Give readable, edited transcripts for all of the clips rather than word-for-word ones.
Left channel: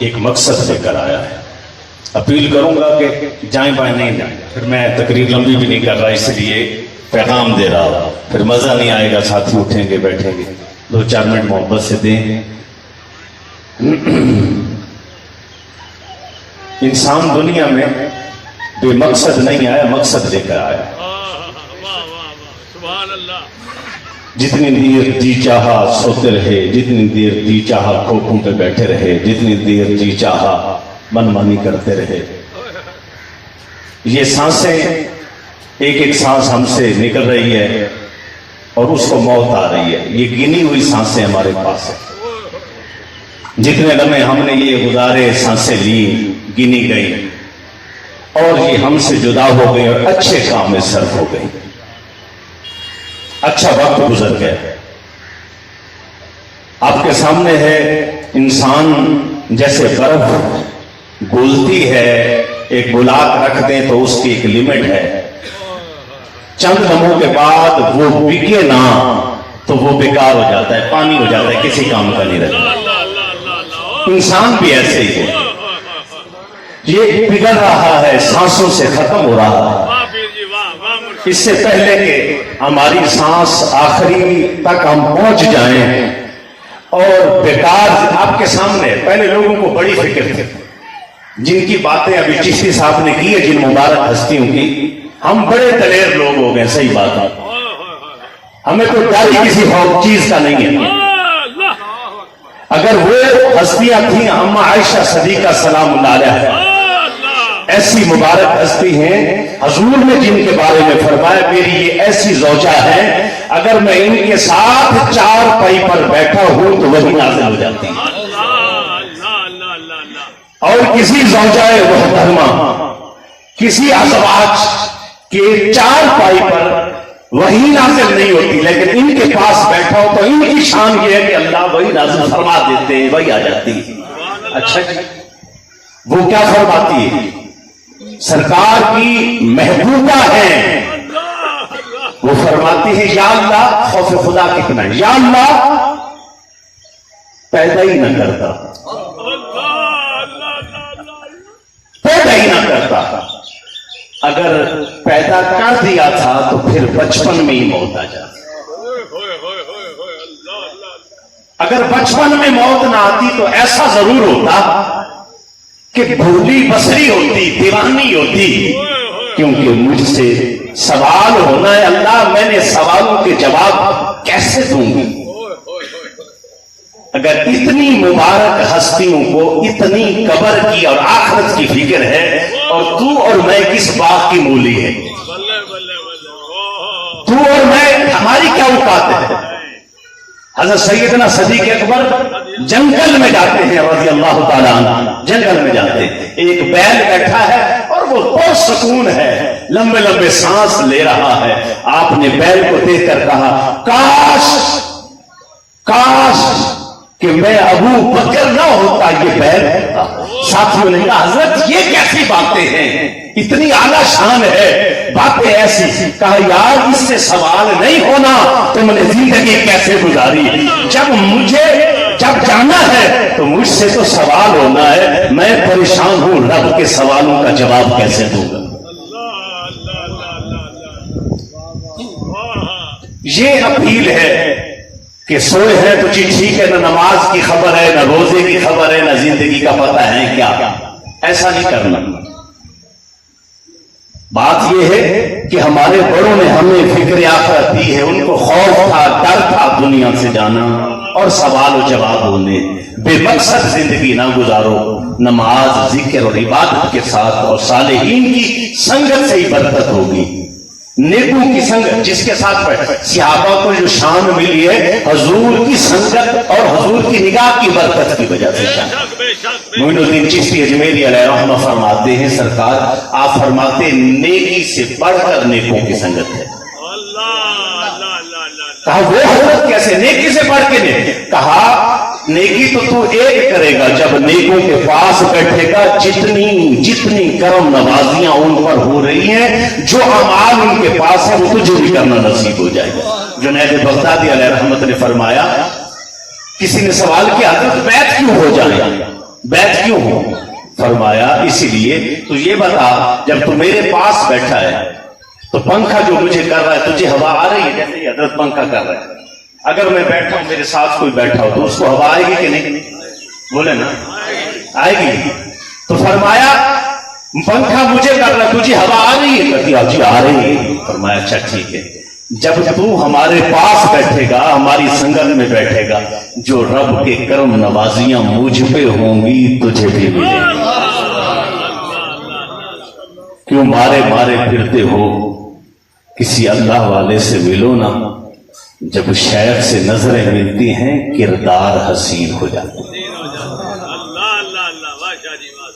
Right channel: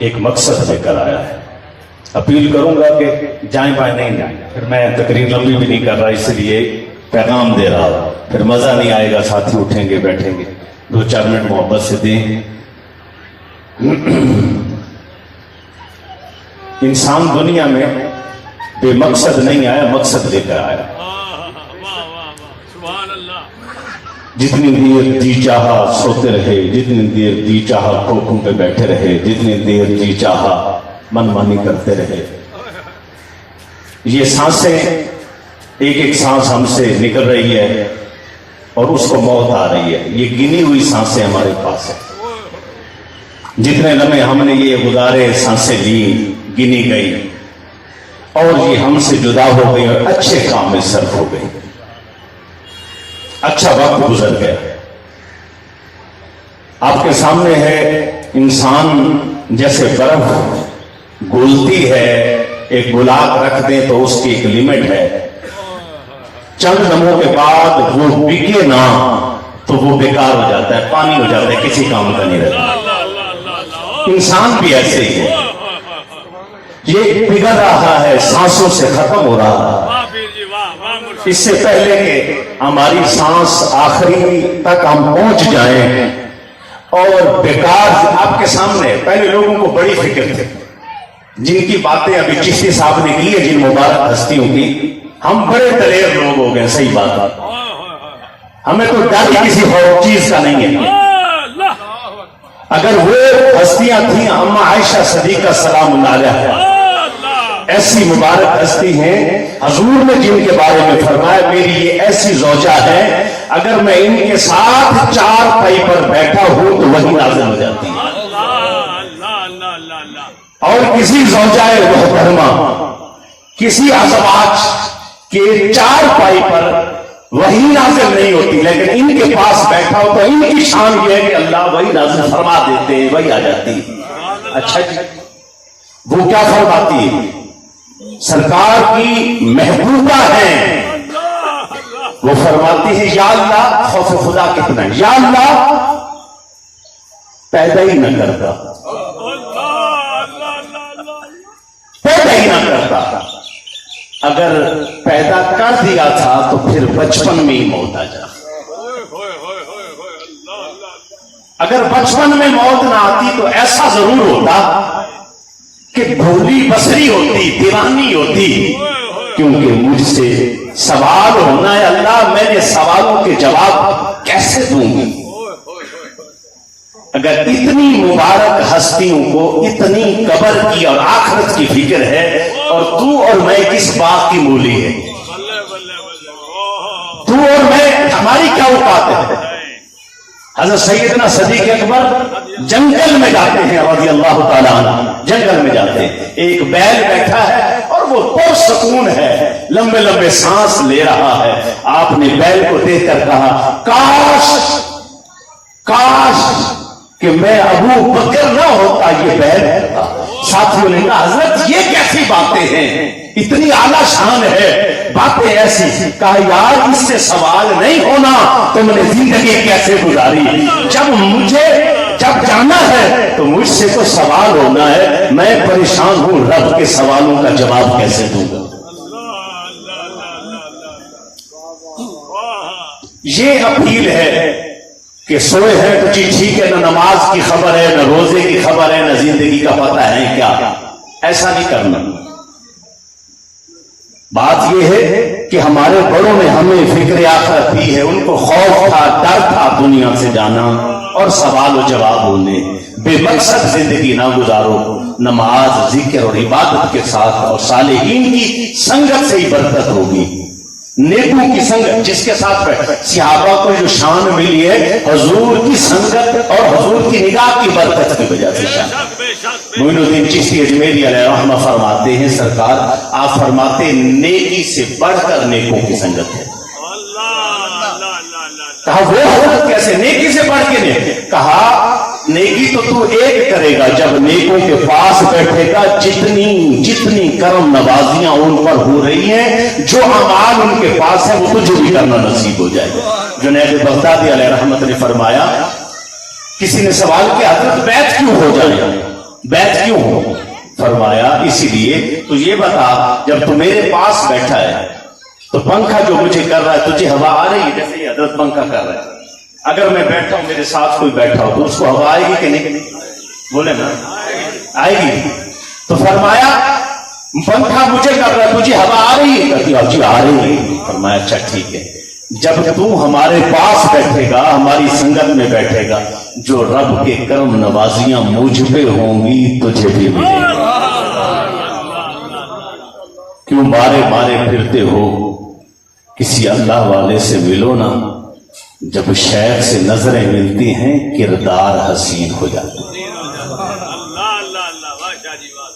ایک مقصد لے کر آیا ہے. اپیل کروں گا کہ جائیں بائیں نہیں جائیں. پھر میں تقریر لمبی بھی نہیں کر رہا، اس لیے پیغام دے رہا ہوں. پھر مزہ نہیں آئے گا، ساتھی اٹھیں گے بیٹھیں گے. 2-4 منٹ محبت سے دیں. انسان دنیا میں بے مقصد نہیں آیا، مقصد لے کر آیا. جتنی دیر جی چاہا سوتے رہے، جتنی دیر جی چاہا کوکھوں پہ بیٹھے رہے، جتنی دیر جی چاہا من مانی کرتے رہے. یہ سانسیں ایک ایک سانس ہم سے نکل رہی ہے اور اس کو موت آ رہی ہے. یہ گنی ہوئی سانسیں ہمارے پاس ہیں. جتنے لمحے ہم نے یہ گزارے سانسیں لی، گنی گئی اور یہ ہم سے جدا ہو گئی اور اچھے کام میں صرف ہو گئی. اچھا وقت گزر گیا. آپ کے سامنے ہے انسان جیسے برف گولتی ہے، ایک گلاک رکھ دیں تو اس کی ایک لمٹ ہے. چند لمحوں کے بعد وہ بکے نہ تو وہ بیکار ہو جاتا ہے، پانی ہو جاتا ہے، کسی کام کا نہیں رہتا. انسان بھی ایسے ہی ہے. یہ بگڑ رہا ہے، سانسوں سے ختم ہو رہا ہے. اس سے پہلے کہ ہماری سانس آخری تک ہم پہنچ جائیں اور بیکار. آپ کے سامنے پہلے لوگوں کو بڑی فکر تھی، جن کی باتیں ابھی چشتی صاحب نے کی ہے، جن مبارک ہستیوں کی. ہم بڑے دلیر لوگ ہو گئے، صحیح بات ہے. ہمیں تو ڈر کسی اور چیز کا نہیں ہے. اگر وہ ہستیاں تھیں، اما عائشہ صدیقہ سلام اللہ علیہا ایسی مبارک ہستی ہیں، حضور نے جن کے بارے میں فرمایا میری یہ ایسی زوجہ ہے، اگر میں ان کے ساتھ 4 پائی پر بیٹھا ہوں تو وہی نازل ہو جاتی ہے. اور کسی زوجہ محترمہ، کسی ازواج کے 4 پائی پر وہی نازل نہیں ہوتی، لیکن ان کے پاس بیٹھا ہو تو ان کی شان یہ ہے کہ اللہ وہی نازل فرما دیتے، وہی آ جاتی ہے. اچھا جی، وہ کیا فرماتی ہے؟ سرکار کی محبوبہ ہیں. وہ فرماتی ہے یا اللہ، خوف خدا کتنا ہے، یا اللہ پیدا ہی نہ کرتا، پیدا ہی نہ کرتا. اگر پیدا کر دیا تھا تو پھر بچپن میں ہی موت آ جاتی. اگر بچپن میں موت نہ آتی تو ایسا ضرور ہوتا کہ بھولی بصری ہوتی، دیوانی ہوتی. کیونکہ مجھ سے سوال ہونا ہے، اللہ میں نے سوالوں کے جواب کیسے دوں گی؟ اگر اتنی مبارک ہستیوں کو اتنی قبر کی اور آخرت کی فکر ہے، اور تو اور میں کس بات کی مولی ہے؟ تو اور میں، ہماری کیا اوقات ہے؟ حضرت سیدنا صدیق اکبر جنگل میں جاتے ہیں رضی اللہ تعالیٰ عنہ. جنگل میں جاتے ہیں، ایک بیل بیٹھا ہے اور وہ بہت سکون ہے، لمبے لمبے سانس لے رہا ہے. آپ نے بیل کو دیکھ کر کہا کاش کاش کہ میں ابو بکر نہ ہوتا، یہ بیل ہے. ساتھیوں نے کہا حضرت یہ کیسی باتیں ہیں، اتنی اعلیٰ شان ہے، باتیں ایسی. کہا یار اس سے سوال نہیں ہونا تم نے زندگی کیسے گزاری؟ جب جانا ہے تو مجھ سے تو سوال ہونا ہے. میں پریشان ہوں، رب کے سوالوں کا جواب کیسے دوں گا؟ یہ اپیل ہے کہ سوئے ہیں تو ٹھیک ہے، نہ نماز کی خبر ہے، نہ روزے کی خبر ہے، نہ زندگی کا پتہ ہے کیا. ایسا نہیں کرنا. بات یہ ہے کہ ہمارے بڑوں نے ہمیں فکر آخرت دی ہے. ان کو خوف تھا، ڈر تھا دنیا سے جانا اور سوال و جواب ہونے. بے مقصد زندگی نہ گزارو، نماز ذکر اور عبادت کے ساتھ، اور صالحین کی سنگت سے ہی برکت ہوگی. نیکوں کی سنگت جس کے ساتھ بیٹھے، صحابہ کو جو شان ملی ہے حضور کی سنگت اور حضور کی نگاہ کی برکت کی وجہ سے. معین الدین چشتی اجمیری علیہ رحمہ فرماتے ہیں، سرکار آپ فرماتے ہیں نیکی سے بڑھ کر نیکوں کی سنگت ہے. کہا وہ حضرت کیسے؟ نیکی سے بڑھ کے نہیں. کہا نیکی تو ایک کرے گا جب نیکوں کے پاس بیٹھے گا. جتنی کرم نوازیاں ان پر ہو رہی ہیں، جو اعمال ان کے پاس ہے وہ تجھے بھی کرنا نصیب ہو جائے گا. جنید بغدادی علیہ رحمت نے فرمایا، کسی نے سوال کیا حضرت بیعت کیوں ہو جائے؟ बैत क्यों हो? फरमाया इसीलिए तो ये बता, जब तू मेरे पास बैठा है तो पंखा जो मुझे कर रहा है, तुझे हवा आ रही है जैसे ये हजरत पंखा कर रहा है। अगर मैं बैठा हूं, मेरे साथ कोई बैठा हो, तो उसको हवा आएगी कि नहीं? बोले ना, आएगी। तो फरमाया पंखा मुझे कर रहा है, तुझे हवा आ रही है? कहती जी आ रही है। फरमाया अच्छा ठीक है, जब तू हमारे पास बैठेगा, हमारी संगत में बैठेगा, जो रब के कर्म नवाजियां मुझ पे होंगी तुझे भी मिलेगी। क्यों मारे मारे फिरते हो? किसी अल्लाह वाले से मिलो ना, जब शेख से नजरें मिलती हैं किरदार हसीन हो जाता है।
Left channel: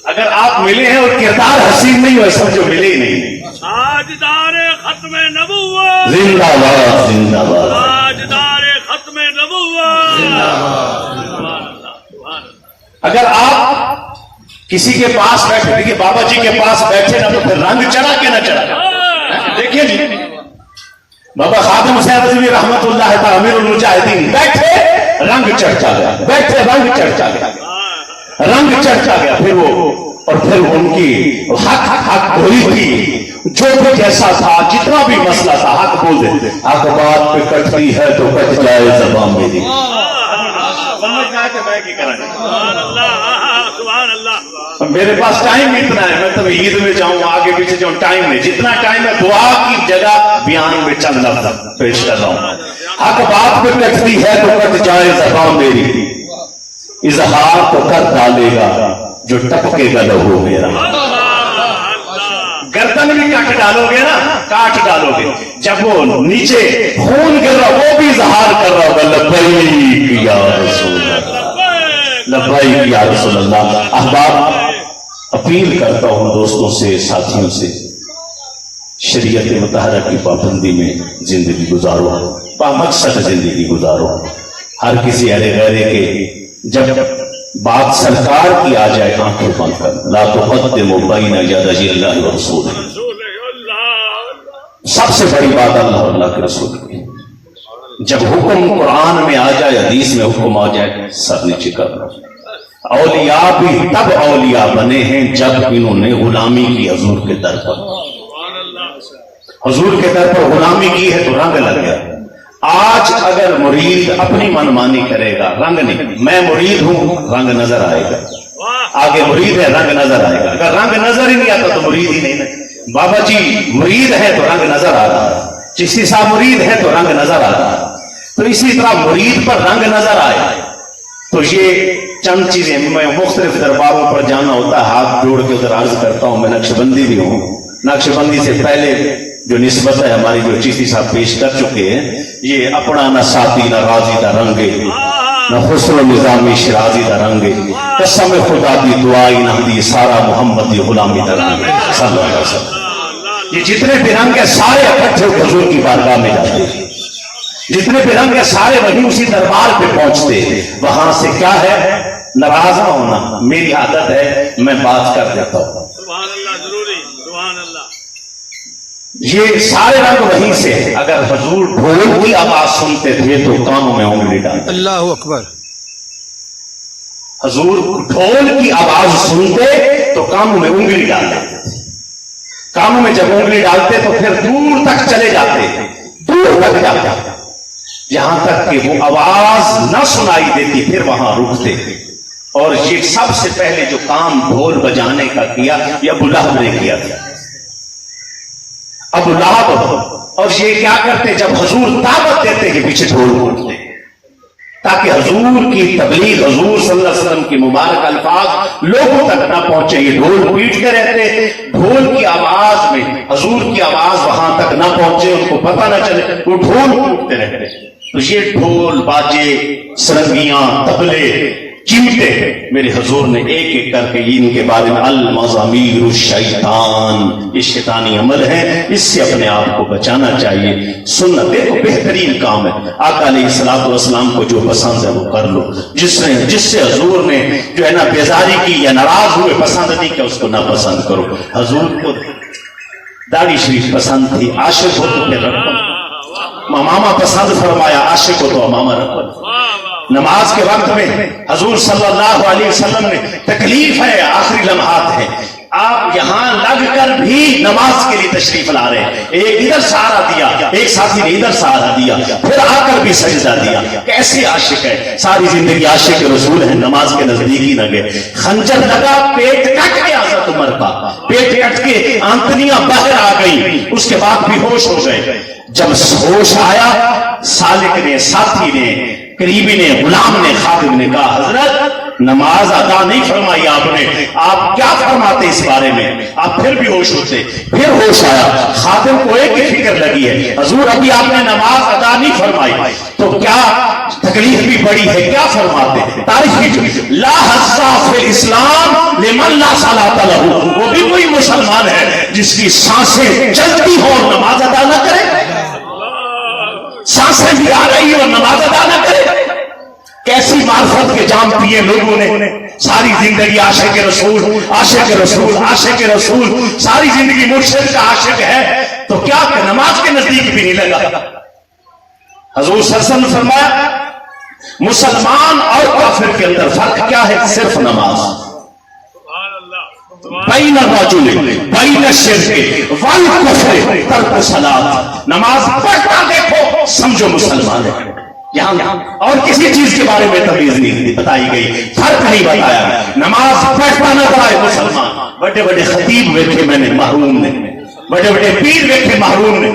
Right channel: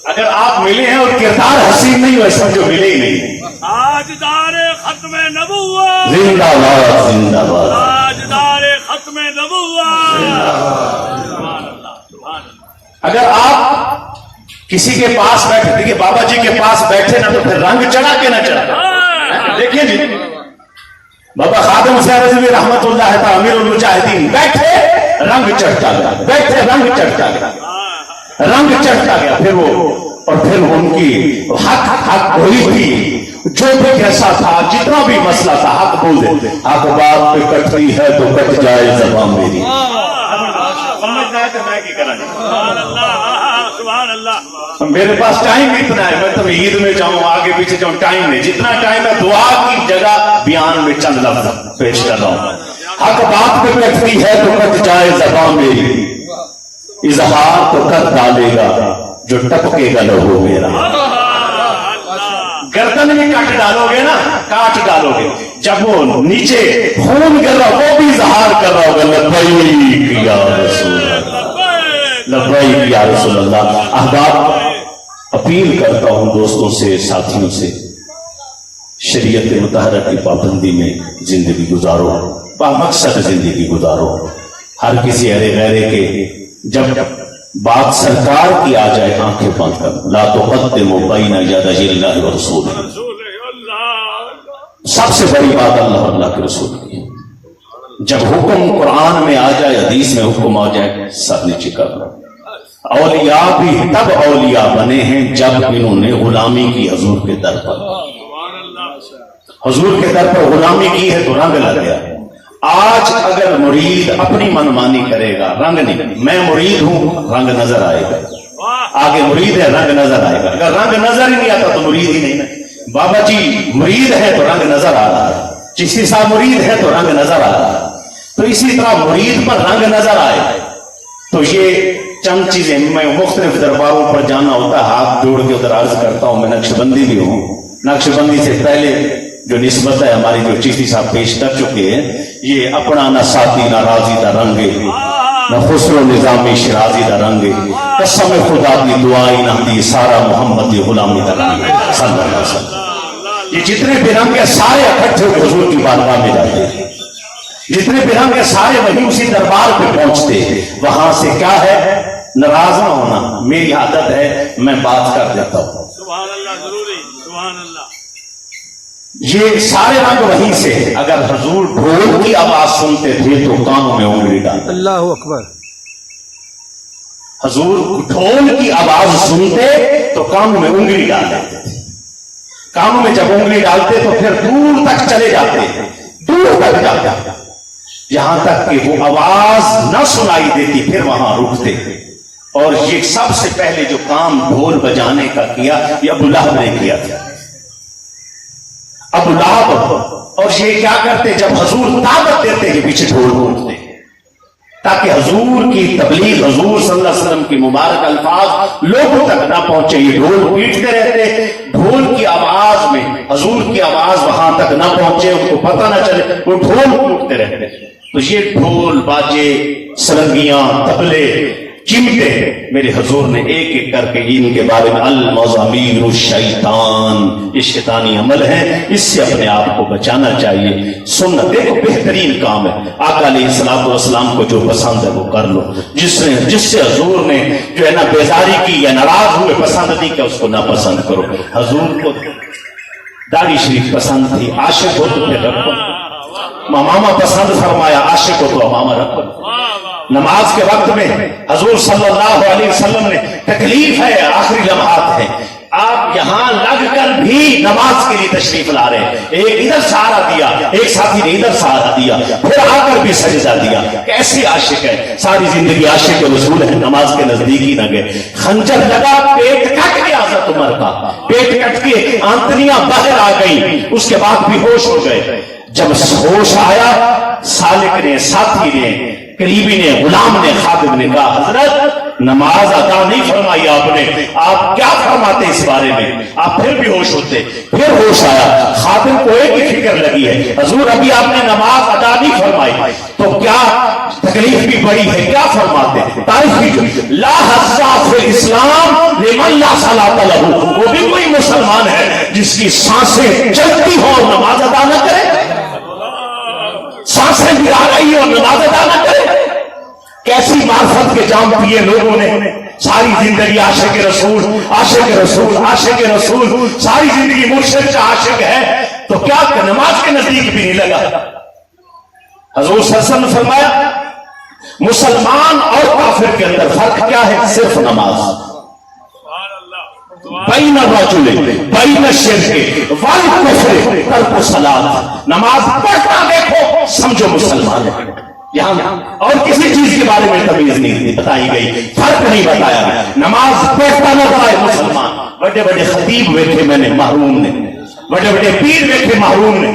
अगर आप मिले हैं और किरदार हसीन नहीं हो, समझो मिले ही नहीं। ताजदारे खत्म नबुव्वत जिंदाबाद जिंदाबाद, ताजदारे खत्म नबुव्वत। अगर आप किसी के पास बैठे, देखिए बाबा जी के पास बैठे ना, तो फिर रंग चढ़ा के ना चढ़ा। देखिए जी, बाबा खादिम हुसैन रज़वी रहमतुल्लाह तआला अमीरुल मुजाहिदीन बैठे, रंग चढ़ता गया, बैठे रंग चढ़ता गया, रंग चढ़ता गया। फिर वो और फिर उनकी हक हुई थी, जो भी जैसा था, जितना भी मसला था, हक बोल देते। हक बात पे कटती है तो कट जाए ज़बान मेरी। समझना है कि मैं क्या करेंगे? मेरे पास टाइम इतना है, मैं तो ईद में जाऊं, आगे पीछे जाऊं, टाइम नहीं। जितना टाइम है दुआ की जगह बयान में चंद लफ्ज़ पेश कर रहा हूं। हक बात पे कटती है तो कट जाए ज़बान मेरी, इजहार तो कर डालेगा जो टपकेगा लहू मेरा। गर्दन भी काट डालोगे ना, काट डालोगे, जब वो नीचे खून गिर रहा, वो भी इजहार कर रहा होगा लब्बैक या रसूल अल्लाह, लब्बैक या रसूल अल्लाह। अहबाब, अपील करता हूं दोस्तों से, साथियों से, शरीयत मुतहरा की पाबंदी में जिंदगी गुजारो, बामकसद जिंदगी गुजारो। हर किसी अरे गैरे के जब बात सरकार की आ जाए, आंखें बंद कर, ला तुक़द्दिमू बैना यदैहिल्लाहि व रसूलिही। सबसे बड़ी बात अल्लाह अल्लाह के रसूल की। जब हुक्म कुरान में आ जाए, हदीस में हुक्म आ जाए, सब नीचे कर लो। औलिया भी तब औलिया बने हैं जब इन्होंने गुलामी की हजूर के दर पर। हजूर के दर पर गुलामी की है तो रंग लग गया। आज अगर मुरीद अपनी मनमानी करेगा, रंग नहीं, मैं मुरीद हूं, रंग नजर आएगा। आगे मुरीद है, रंग नजर आएगा। अगर रंग नजर ही नहीं आता तो मुरीद ही नहीं है। बाबा जी मुरीद है तो रंग नजर आ रहा है, चिश्ती साहब मुरीद है तो रंग नजर आ रहा है। तो इसी तरह मुरीद पर रंग नजर आए तो ये चंद चीजें, मैं मुख्तलिफ दरबारों पर जाना होता है, हाथ जोड़ के उधर अर्ज करता हूं। मैं नक्शबंदी भी हूं, नक्शबंदी से पहले जो निस्बत है हमारी, जो चिश्ती साहब पेश कर चुके हैं, ये अपना न साथी न राजी दा रंगे, न खुसरो निजामी शिराजी दा रंगे, कसम खुदा दी दुआई न दी, सारा मोहम्मद दी गुलामी दा रंगे सल्लल्लाहु अलैहि वसल्लम। ये जितने भी रंग है सारे इकट्ठे हुजूर की बारगाह में जाते हैं, जितने भी रंग है सारे वही उसी दरबार पे पहुंचते हैं। वहां से क्या है, नाराज ना होना, मेरी आदत है, मैं बात कर देता हूं। ये सारे रंग वहीं से है। अगर हजूर ढोल की आवाज सुनते थे तो कानों में उंगली डालते। अल्लाहु अकबर। हजूर ढोल की आवाज सुनते तो कानों में उंगली डाल देते थे। कानों में जब उंगली डालते तो फिर दूर तक चले जाते, दूर तक जाते, यहां तक कि वो आवाज न सुनाई देती, फिर वहां रुकते। और ये सबसे पहले जो काम ढोल बजाने का किया, ये अबू लहब ने किया था। अबू लहब, और ये क्या करते, जब हजूर दावत देते कि पीछे ढोल बजाते, ताकि हजूर की तबलीग, हजूर सल्लल्लाहु अलैहि वसल्लम की मुबारक अल्फाज लोगों तक ना पहुंचे। ये ढोल पीटते रहते, ढोल की आवाज में हजूर की आवाज वहां तक ना पहुंचे, उनको पता ना चले, वो ढोल पीटते रहते। तो ये ढोल बाजे, सरंगियां, तबले, चिमटे, मेरे हजूर ने एक एक करके इनके बारे में अल मज़ामीर शैतान, ये शैतानी अमल है, इससे अपने आप को बचाना चाहिए। सुनना देखो बेहतरीन काम है। आका अलैहिस्सलातु वस्सलाम को जो पसंद है वो कर लो। जिससे हजूर ने जो है ना बेजारी की या नाराज हुए, पसंद नहीं किया, उसको ना पसंद करो। हजूर को दाढ़ी शरीफ पसंद थी, आशिक हो तो फिर रखो। मामा पसंद फरमाया, आशिक हो तो मामा रखो। نماز کے وقت میں حضور صلی اللہ علیہ وسلم نے تکلیف ہے، آخری لمحات ہے، آپ یہاں لگ کر بھی نماز کے لیے تشریف لا رہے ہیں، ایک ادھر سہارا دیا، ایک ساتھی نے ادھر سہارا دیا، پھر آ کر بھی سجدہ دیا. کیسے عاشق ہے، ساری زندگی عاشق رسول ہے، نماز کے نزدیک ہی نہ گئے. خنجر لگا، پیٹ کٹ گیا حضرت عمر کا، پیٹ کٹ کے آنتڑیاں باہر آ گئی، اس کے بعد بھی ہوش ہو گئے. جب ہوش آیا، سالک نے، ساتھی نے، قریبی نے، غلام نے، خادم نے کہا حضرت نماز ادا نہیں فرمائی آپ نے، آپ کیا فرماتے اس بارے میں؟ آپ پھر بھی ہوش ہوتے. پھر ہوش آیا، خادم کو ایک ہی فکر لگی ہے، حضور ابھی آپ نے نماز ادا نہیں فرمائی تو کیا تکلیف بھی بڑی ہے، کیا فرماتے؟ تاریخ لا حظ فی الاسلام لمن لا صلاۃ لہ، وہ بھی کوئی مسلمان ہے جس کی سانسیں چلتی ہو اور نماز ادا نہ کرے، سانسیں بھی آ رہی اور نماز ادا نہ کرے. کیسی معرفت کے جام پیے لوگوں نے، ساری زندگی عاشق رسول، عاشق رسول، عاشق رسول، ساری زندگی مرشد کا عاشق ہے تو کیا نماز کے نزدیک بھی نہیں لگا. حضور صلی اللہ علیہ وسلم نے فرمایا مسلمان اور کافر کے اندر فرق کیا ہے؟ صرف نماز. بین الرجل بین الشرک والکفر ترک الصلاۃ، نماز پڑھنا دیکھو سمجھو مسلمان ہے. یہاں اور کسی چیز کے بارے میں تمیز نہیں بتائی گئی، فرق نہیں بتایا گیا. نماز پڑھتا نظر آئے مسلمان. بڑے بڑے خطیب دیکھے میں نے محروم نے، بڑے بڑے پیر دیکھے محروم نے،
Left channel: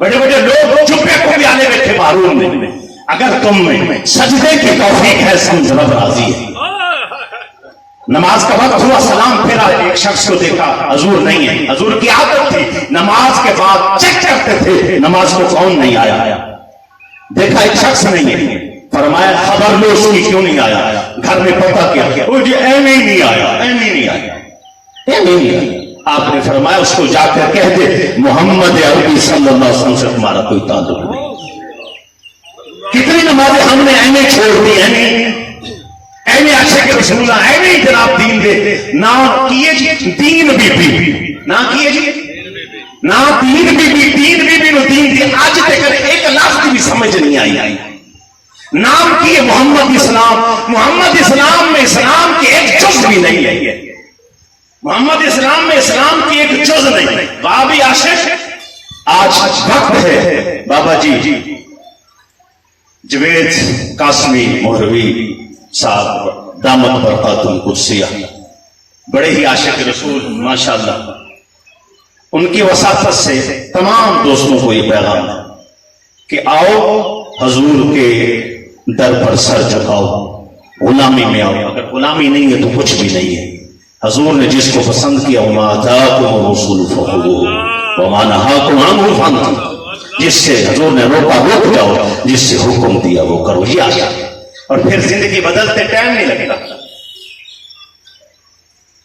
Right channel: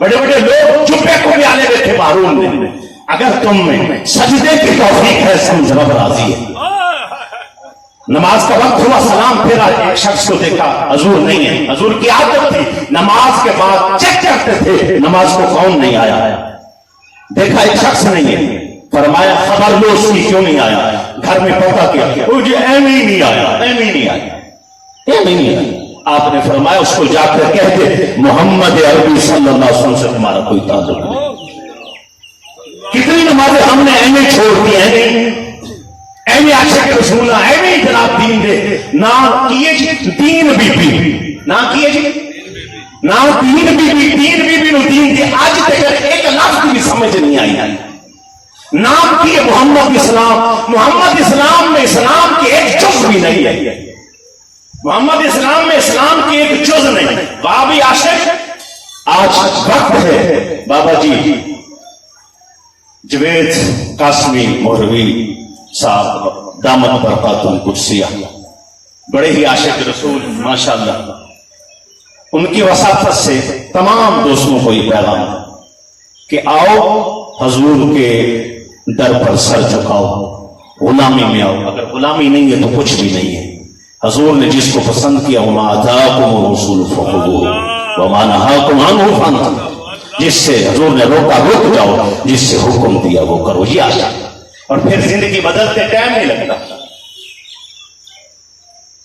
بڑے بڑے لوگ چپے کو بھی آنے بیٹھے محروم نے. اگر تم میں سجدے کی توفیق ہے سمجھ رب راضی ہے. نماز کا وقت ہوا، سلام پھیرا، ایک شخص کو دیکھا حضور نہیں ہے. حضور کی عادت تھی نماز کے بعد چیک کرتے تھے نماز کو کون نہیں آیا. دیکھا ایک شخص نہیں ہے، فرمایا خبر لو اس کی کیوں نہیں آیا. گھر میں پتا کیا، وہ جی ایویں ہی نہیں آیا، ایویں نہیں آیا، ایویں نہیں آیا. آپ نے فرمایا اس کو جا کر کہہ دے محمد عربی صلی اللہ علیہ وسلم سے تمہارا کوئی تعلق نہیں. کتنی نمازیں ہم نے ایویں چھوڑ دی ہیں، ایویں عاشق رسول، ایویں جناب دین دے نہ کیے جی دین بی نہ کیے جی نہ دین بی نو دین دی آج تک ایک لفظ بھی سمجھ نہیں آئی. نام کیے محمد اسلام، محمد اسلام میں اسلام کی ایک جز بھی نہیں ہے. محمد اسلام میں اسلام کی ایک جز نہیں. بابی عاشق آج وقت ہے بابا جی جوید قاسمی مہروی صاحب دامت برکات القدسیہ، بڑے ہی عاشق رسول ماشاءاللہ. ان کی وساطت سے تمام دوستوں کو یہ پیغام کہ آؤ حضور کے در پر سر جھکاؤ، غلامی میں آؤ. اگر غلامی نہیں ہے تو کچھ بھی نہیں ہے. حضور نے جس کو پسند کیا وما آتاکم الرسول فخذوہ وما نہاکم عنہ فانتہوا، جس سے حضور نے روکا رک جاؤ، جس سے حکم دیا وہ کرو. یہ آیا اور پھر زندگی بدلتے ٹائم نہیں لگتا.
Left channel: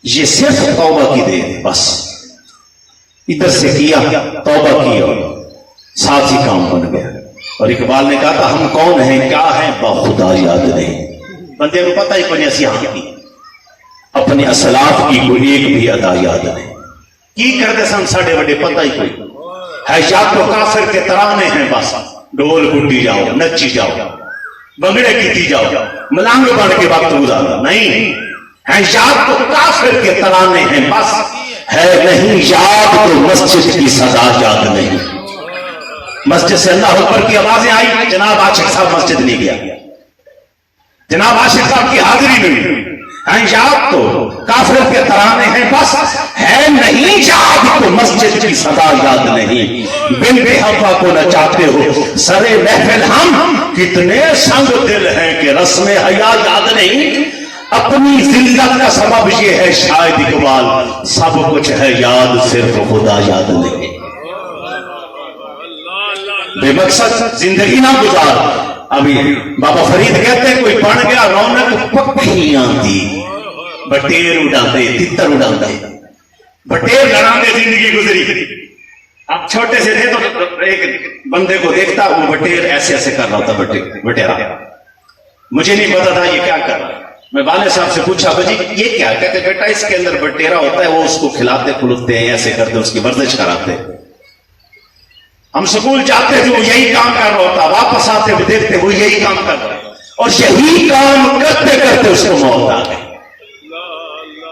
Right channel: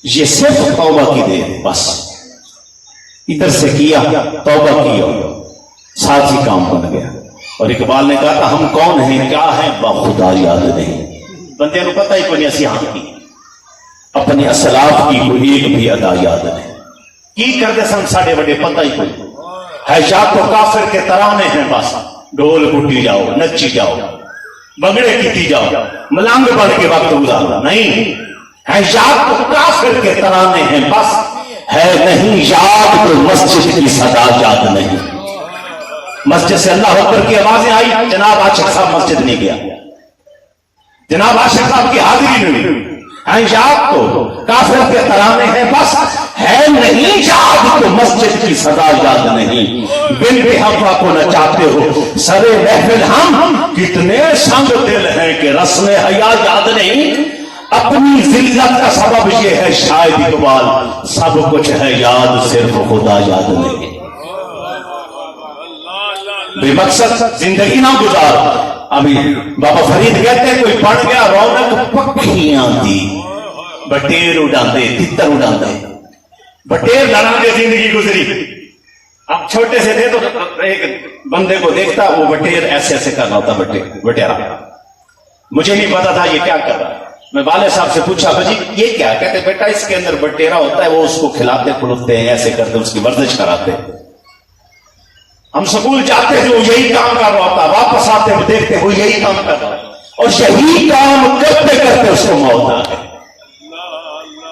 یہ صرف توبہ کی دیر ہے بس. ادھر سے کیا توبہ کی اور ساتھ ہی کام بن گیا. اور اقبال نے کہا تھا ہم کون ہیں کیا ہیں بخدا یاد نہیں. بندے کو پتہ ہی کوئی نصیحت کی، اپنے اسلاف کی کوئی ایک بھی ادا یاد نہیں. کی کرتے سن ساڑھے بڑے پتہ ہی کوئی ہے. یا تو کافر کے ترانے ہیں بس، ڈھول گڈی جاؤ، نچی جاؤ، بگڑے کیتی جاؤ، ملنگ بڑھ کے وقت گزارا نہیں ہے. یا تو کافر کے ترانے ہیں بس، ہے نہیں یاد تو مسجد کی صدا یاد نہیں. مسجد سے اللہ اکبر کی آوازیں آئی، جناب عاشق صاحب مسجد نہیں گیا، جناب عاشق صاحب کی حاضری نہیں ہوئی. یاد تو کافر کے ترانے ہیں بس، ہے نہیں یاد تو مسجد کی صدا یاد نہیں. بن بے حفا کو نچاتے ہو سرے محفل ہم، کتنے سنگ دل ہیں کہ رسم حیا یاد نہیں. اپنی ذلت کا سبب یہ ہے شاید اقبال، سب کچھ ہے یاد صرف خدا یاد نہیں. بے مقصد زندگی نہ گزار. ابھی بابا فرید کہتے ہیں کوئی بڑھ گیا رونق پکیاں دی، بٹیر اڑاندے تتر اڑاندے، بٹیر لڑاندے زندگی گزری. اب چھوٹے سے تھے تو ایک بندے کو دیکھتا وہ بٹیر ایسے ایسے کر رہا تھا، بٹیرا. مجھے نہیں پتا تھا یہ کیا کر رہا ہے. میں والد صاحب سے پوچھا بھائی یہ کیا؟ کہتے بیٹا اس کے اندر بٹیرا ہوتا ہے، وہ اس کو کھلاتے کھلوتے ہیں، ایسے کرتے اس کی ورزش کراتے. ہم سکول جاتے تھے وہ یہی کام کر رہا ہوتا، واپس آتے ہوئے دیکھتے وہ یہی کام کر رہا. اور यही काम करते करते उसको मौत आ गई।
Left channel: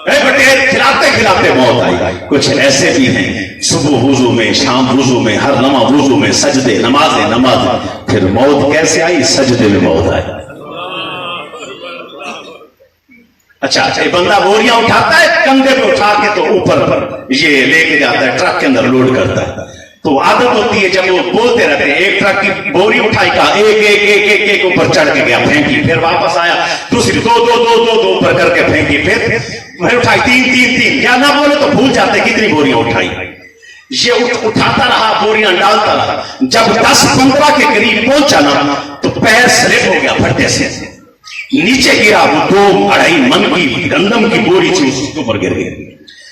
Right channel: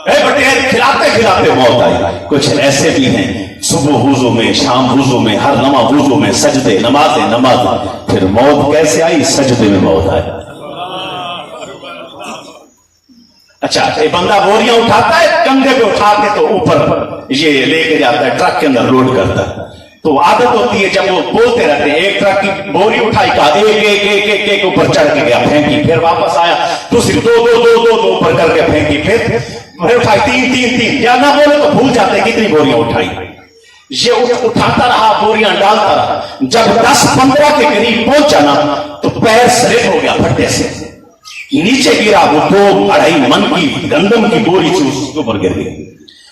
बटे खिलाते खिलाते मौत आई। कुछ ऐसे भी हैं सुबह वुजू में, शाम वुजू में, हर लम्हा वुजू में, सजदे नमाजें नमाजें, फिर मौत कैसे आई? सजदे में मौत आई। अच्छा, ये बंदा बोरियां उठाता है, कंधे पे उठा के तो ऊपर ये लेके जाता है, ट्रक के अंदर लोड करता है। तो आदत होती है जब वो बोलते रहते हैं, एक ट्रक की बोरी उठाई का एक एक एक एक एक ऊपर चढ़ के गया, फेंकी, फिर वापस आया, दूसरी दो दो दो दो दो ऊपर करके फेंकी, फिर उठाई तीन तीन तीन, या ना बोले तो भूल जाते कितनी बोरियां उठाई। ये उठाता रहा, बोरियां डालता रहा, जब 10-15 के करीब पहुंचा ना तो पैर स्लिप हो गया फट्टे से, नीचे गिरा। वो 2-2.5 मन की गंदम की बोरी थी, उसके ऊपर गिर गई।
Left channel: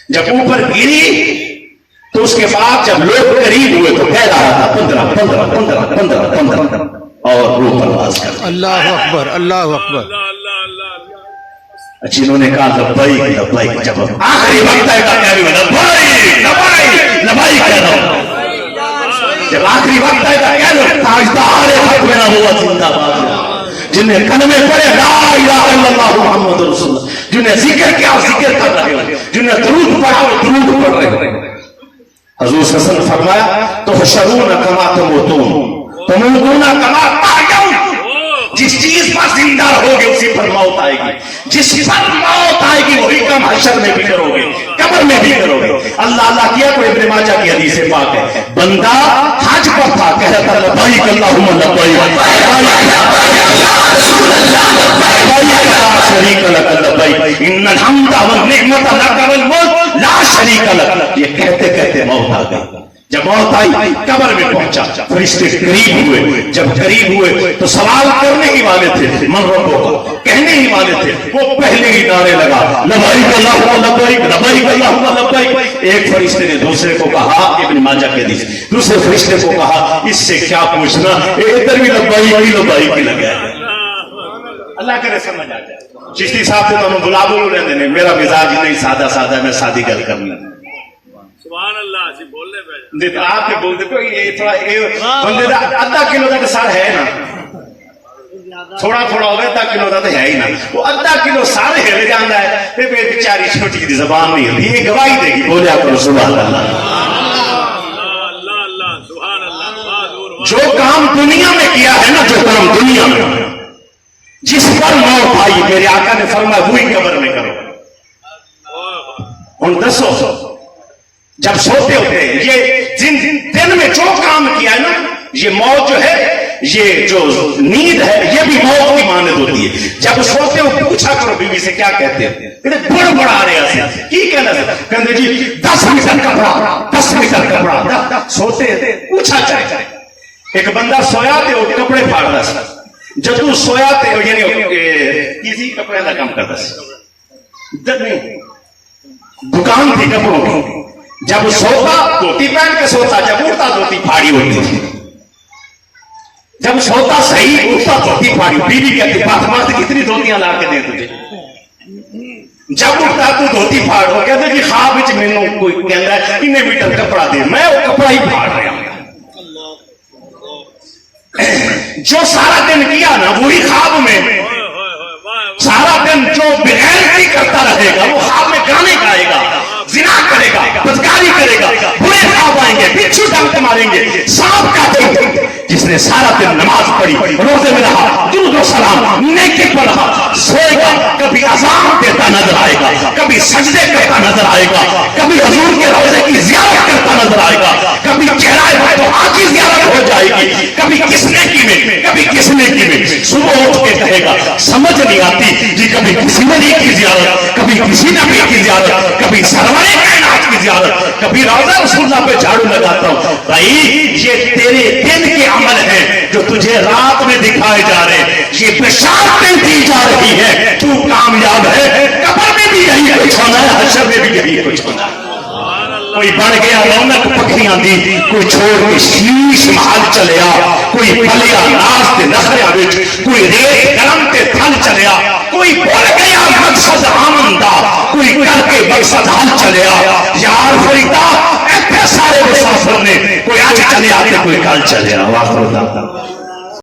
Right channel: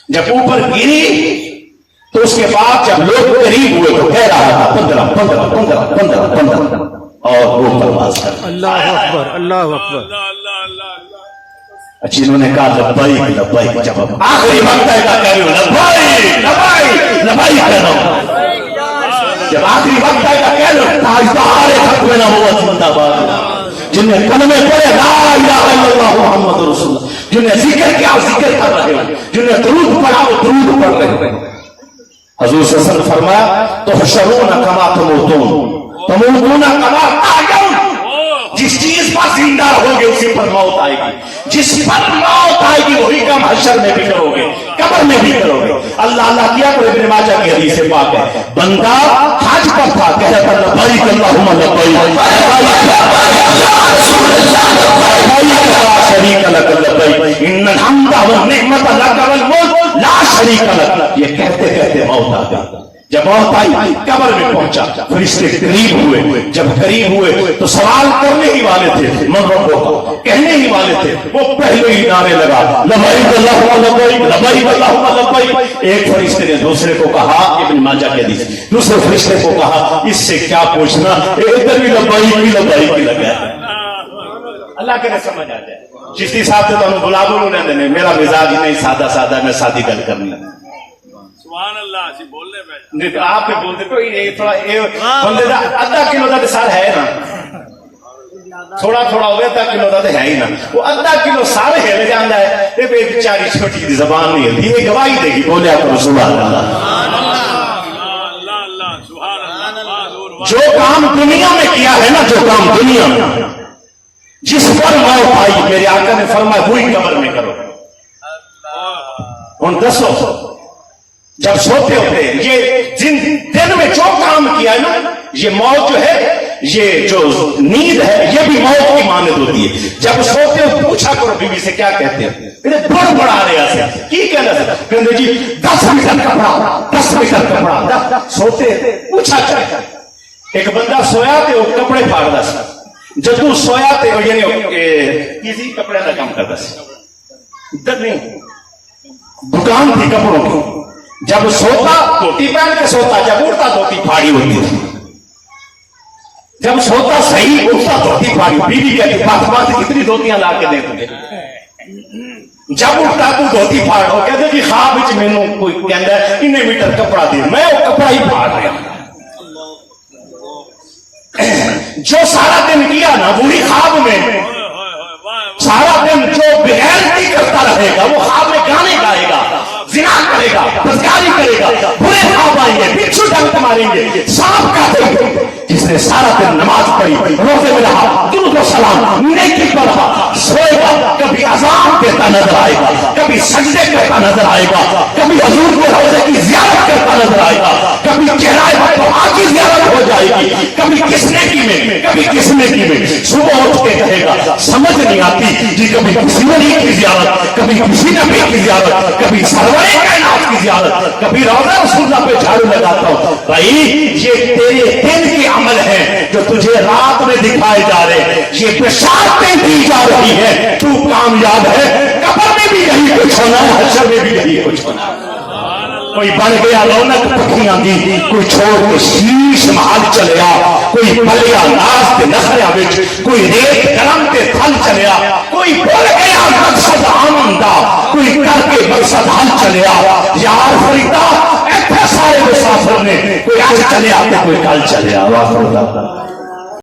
जब ऊपर गिरी तो उसके बाद जब लोग करीब हुए तो कह रहा था 15 15 15 15 15 और वो परवाज कर। अल्लाह अकबर, अल्लाह अकबर। अच्छा, इन्होंने कहा लब्बाइक लब्बाइक, जब आखिरी वक्त है का कह रही हूं लब्बाइक लब्बाइक लब्बाइक कह रहा हूं, जब आखिरी वक्त है का कह रहे हो, ताजदार हक में ना हुआ जिंदाबाद, जिन्हें कलमे पढ़े ला इलाहा इल्लल्लाह मुहम्मद रसूलुल्लाह, जिन्हें जिक्र किया जिक्र कर रहे हो, जिन्हें दरूद पढ़ा वो दरूद पढ़ रहे हो। हजूर सल्लल्लाहु अलैहि वसल्लम फरमाया तो हशरूना कमा तमूतून कमा तायऊन, जिस चीज पर जिंदा रहोगे उसी पर मौत आएगी, जिस पर मौत आएगी वही काम हशर में भी करोगे, कब्र में भी करोगे। अल्लाह अल्लाह किया कोई इब्न माजा की हदीस पाक है, बंदा हज पर था, कहता लब्बैक अल्लाहुम्मा लब्बैक ला शरीक लक लब्बैक इन्नल हम्दा वन निअमत लक वल मुल्क ला शरीक लक। ये कहते कहते मौत आ गई। जब मौत आई कब्र में पहुंचा, फरिश्ते करीब हुए, जब करीब हुए तो सवाल करने ही वाले थे, मन रब्बो को कहने ही वाले थे, वो पहले ही नारे लगा लब्बैक अल्लाहुम्मा लब्बैक लब्बैक अल्लाहुम्मा लब्बैक। एक फरिश्ते ने दूसरे को कहा, इब्न माजा की हदीस, दूसरे फरिश्ते को कहा इससे क्या पूछना, इधर भी लब्बैक ही लब्बैक ही लगा है। अल्लाह करे समझ आ जाए। चिश्ती साहब से तो बुला बोलो लेंदे ने, मेरा मिजाज ही नहीं सादा सादा, मैं सादी गल करनी। सुभान अल्लाह जी बोलने पे देखो आपके बोलते कोई ये थोड़ा बंदे दा आधा किलो का सार है ना, थोड़ा थोड़ा हो गया आधा किलो का तो है ही ना, वो आधा किलो सारे हेले जाता है, ये बेचारी छोटी की जबान नहीं है, ये गवाही देगी, बोले आपको सुभान अल्लाह। सुभान अल्लाह। जो काम दुनिया में किया है ना, जो काम दुनिया में जिस पर मौत आई, मेरे आका ने फरमाया वही कब्र में करो। उन दसो जब सोते होते ये जिन दिन में जो काम किया है ना, ये मौत जो है, ये जो नींद है, ये भी मौत की मानद होती है। जब सोते हो पूछा करो बीवी से क्या कहते हैं, बड़ बड़ा रहे की कहना कहते जी 10 मीटर कपड़ा 10 मीटर कपड़ा, सोते पूछा करे। एक बंदा सोया थे, वो कपड़े फाड़ रहा, जब तू सोया थे किसी कपड़े का काम करता, दुकान थी कपड़ों की, जब सोता धोती पहन के सोता, जब उठता धोती फाड़ी होती थी, जब सोता सही उठता धोती फाड़ी। बीवी कहती बात बात कितनी धोतियां ला के दे तुझे, जब उठता तू धोती फाड़ हो। कहते जी ख्वाब विच मैनू कोई कहता इन्ने मीटर कपड़ा दे, मैं वो कपड़ा ही फाड़ रहा हूं। जो सारा दिन किया ना वही ख्वाब में, सारा दिन जो बेगैरती करता रहेगा वो ख्वाब में गाने गाएगा, जिना करेगा, बदकारी करेगा, बुरे ख्वाब आएंगे, बिच्छू डंक मारेंगे, सांप काटेंगे। जिसने सारा दिन नमाज पढ़ी, रोजे में रहा, दुरूद व सलाम नेकी पढ़ा, सोएगा, कभी अज़ान देता नजर आएगा, कभी सजदे करता नजर आएगा, कभी हुजूर के रोजे की ज़ियारत करता नजर आएगा, कभी चेहरा तो आखिर ज़ियारत हो जाएगी, कभी किसने की में, कभी किसने की में। सुबह उठ के कहेगा समझ नहीं आती जी, कभी किसी वली की ज़ियारत, कभी किसी नबी की ज़ियारत, कभी सरवरे कायनात की ज़ियारत, कभी रोज़ा रसूलुल्लाह पे झाड़ू लगाता हूं। भाई ये तेरे दिन के अमल है जो तुझे रात में दिखाए जा रहे हैं, ये बशारतें दी जा रही है, तू कामयाब है। कब्र में भी यही कुछ होना है, हश्र में भी यही कुछ होना है। कोई बन गया रौनक पखियां दी, कोई छोड़ के शीश महल चलिया, कोई पलिया नाच के नखरिया विच, कोई रेत गरम के थल चलिया, कोई बोल गया मकसद आनंदा, कोई करके मकसद हल चलिया। यार फरीदा इतने सारे मुसाफिर ने, कोई आज चले आते कोई कल चले आ।